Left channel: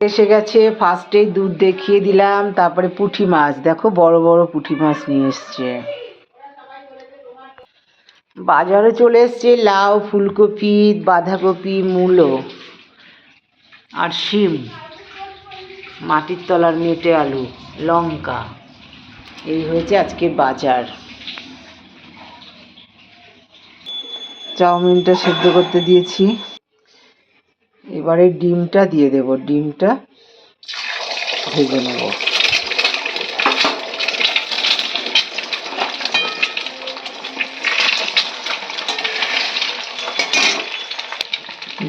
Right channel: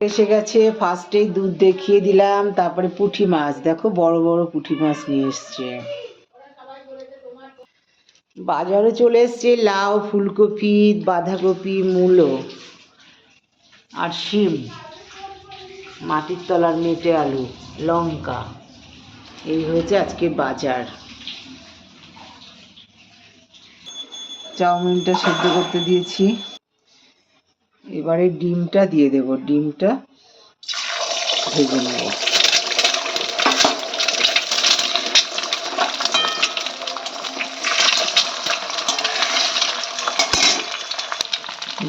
এসে গেছে, ফার্স্টেই দুধ দেখিয়ে দিলাম, তারপরে পুঁটি মাছ দেখো, বড় বড় পুঁটি মাছ নিয়ে এসছে। বাজারে চলে এসছে লাউ, ফুলকপি, বাঁধাকপি, মূলো আর শিম, মাটির তলার মেটে আলু, লঙ্কা। এই হয়েছে আজকের বাজার। চাউমিনটা সেদ্ধ করতে দিয়েছি, এবারে ডিমটা দিয়ে দেব, ডিমটা ভেজে নেব।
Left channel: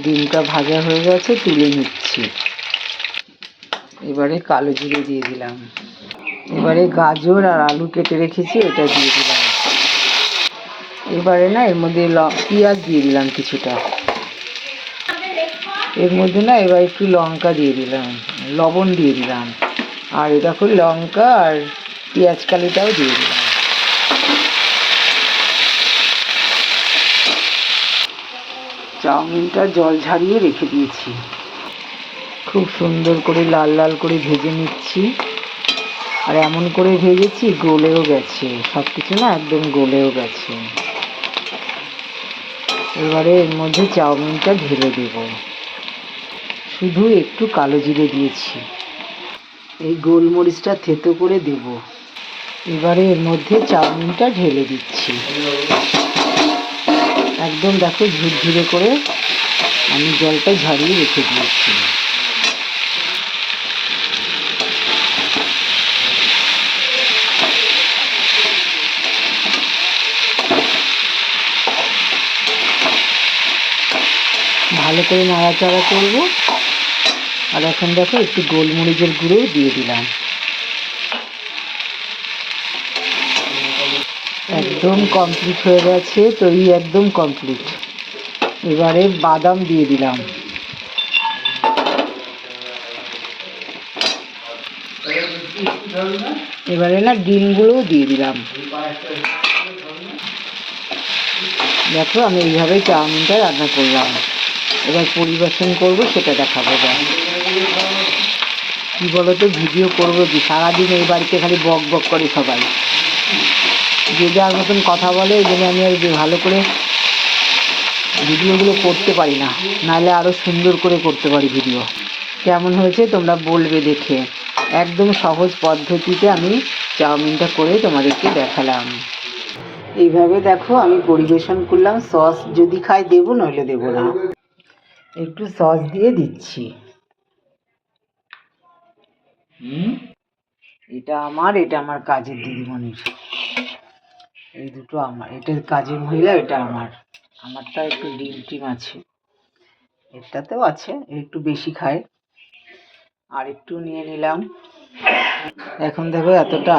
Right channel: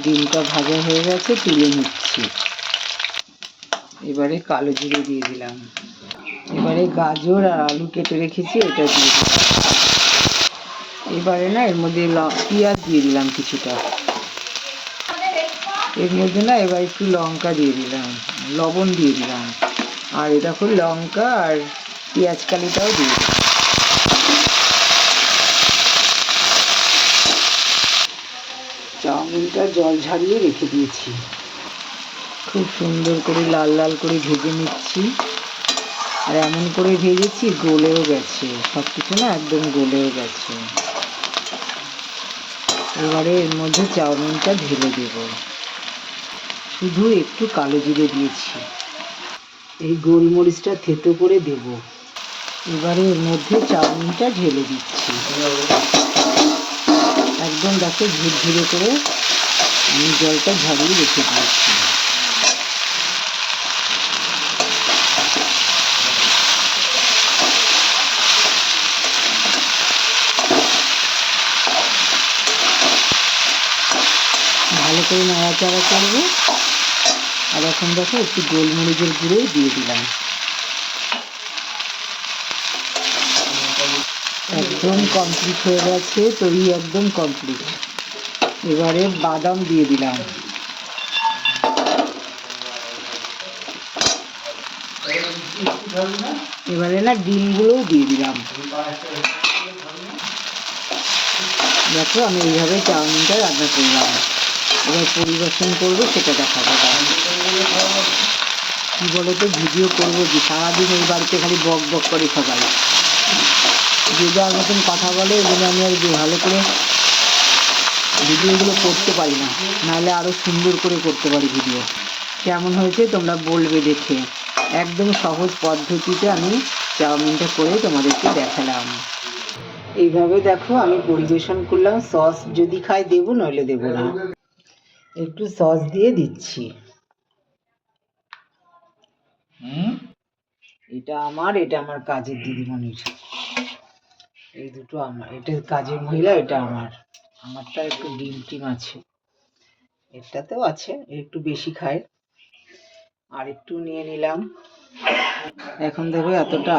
ডিমটা ভাজা হয়ে গেছে, তুলে নিচ্ছি। এবারে কালো জিরে দিয়ে দিলাম, এবারে গাজর আর আলু কেটে রেখেছি, এটা দিয়ে দিলাম। এবারে না এর মধ্যে পেঁয়াজ দিয়ে দিলাম কিছুটা, এর মধ্যে না এবার একটু লঙ্কা দিয়ে দিলাম, লবণ দিয়ে দিলাম, আর এটা করে লঙ্কা আর পেঁয়াজ কালিটাও দিয়ে দিলাম। চাউমিনটা জল ঝারিয়ে রেখে দিয়েছি, খুব সুন্দর করে লাল লাল করে ভেজে নিচ্ছি। আর এমন করে ভেজেছি গলেও গেছে, সব কিছু না একদম গলেও গেছে। এবারে এর মধ্যে চাউমিনটা ঢেলে দেব, শুধু একটু কালো জিরে দিয়েছি, এই গোলমরিচটা থেতো করে দেব। এবারে এর মধ্যে চাউমিনটা ঢেলে দিচ্ছি, একদম দেখো ঝুরঝুরে করে আমি জলটা ঝরিয়ে রেখে দিয়েছি। ভালো করে নাড়াচাড়া করব। আর এখন দেখো একটু গোলমরিচের গুঁড়ো দিয়ে দিলাম। একদম কমপ্লিট হয়ে গেছে, তৈরি একদম কমপ্লিট। এবারে বাদাম দিয়ে দিলাম, এবারে না ডিমগুলোও দিয়ে দিলাম। দেখো আমি এইভাবে চাউমিনটা রান্না করলাম, এবার পরিবেশন করবো, সেটা দেখাবো। কি বলো তো, ভিডিও করবো কি, সারাদিন এই বাড়িতে খালি বক বক করে সবাই, যে যার মতন কথা বলে, এই জন্য আমি আর ভালো করে ভিডিওগুলো করতে পারি না, নাহলে আরও সুন্দর করে করতে পারি ভিডিও। কেমন হয়েছে তোমরা বলবে দেখে। একদম সহজ পদ্ধতিতে আমি চাউমিনটা করে তোমাদেরকে দেখালাম। এইভাবে দেখো আমি পরিবেশন করলাম। সস যদি খাই দেবো, নইলে দেবো না। একটু সস দিয়ে দিচ্ছি। এটা আমার, এটা আমার কাজের দিদিমণির, এই দুটো আমার। এটা কাজের মহিলা, এটা আমার। আমারটা একটু ডিম টিম আছে, এটাতেও আছে, একটু বেশি খায়। আর একটু নিয়ে নিলাম। এখন দেখো এতটা